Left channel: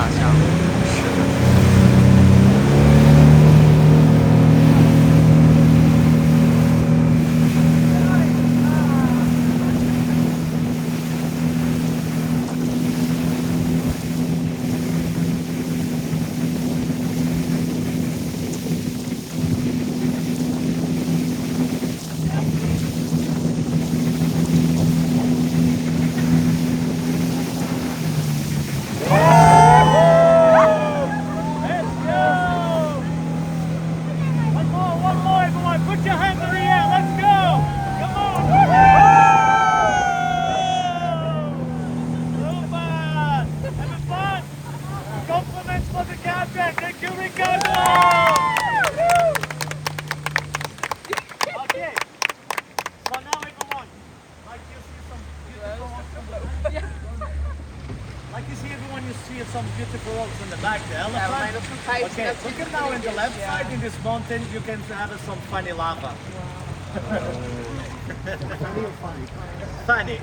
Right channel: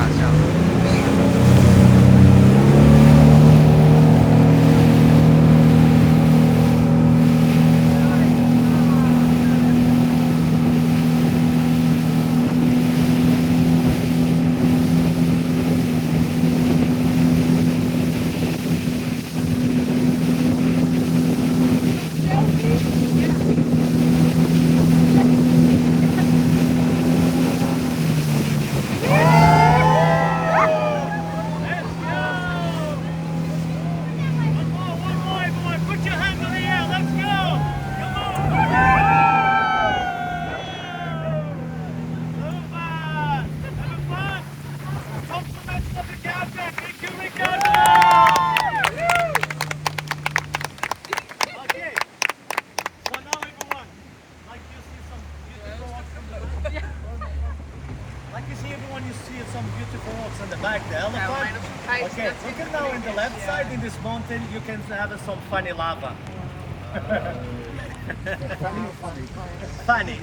大象，是的。Like you see everyone, you see some beautiful rocks on the back, the elephant. Okay, look at now in the left side in this mountain, you can have some funny lava. Funny or funny? Funny.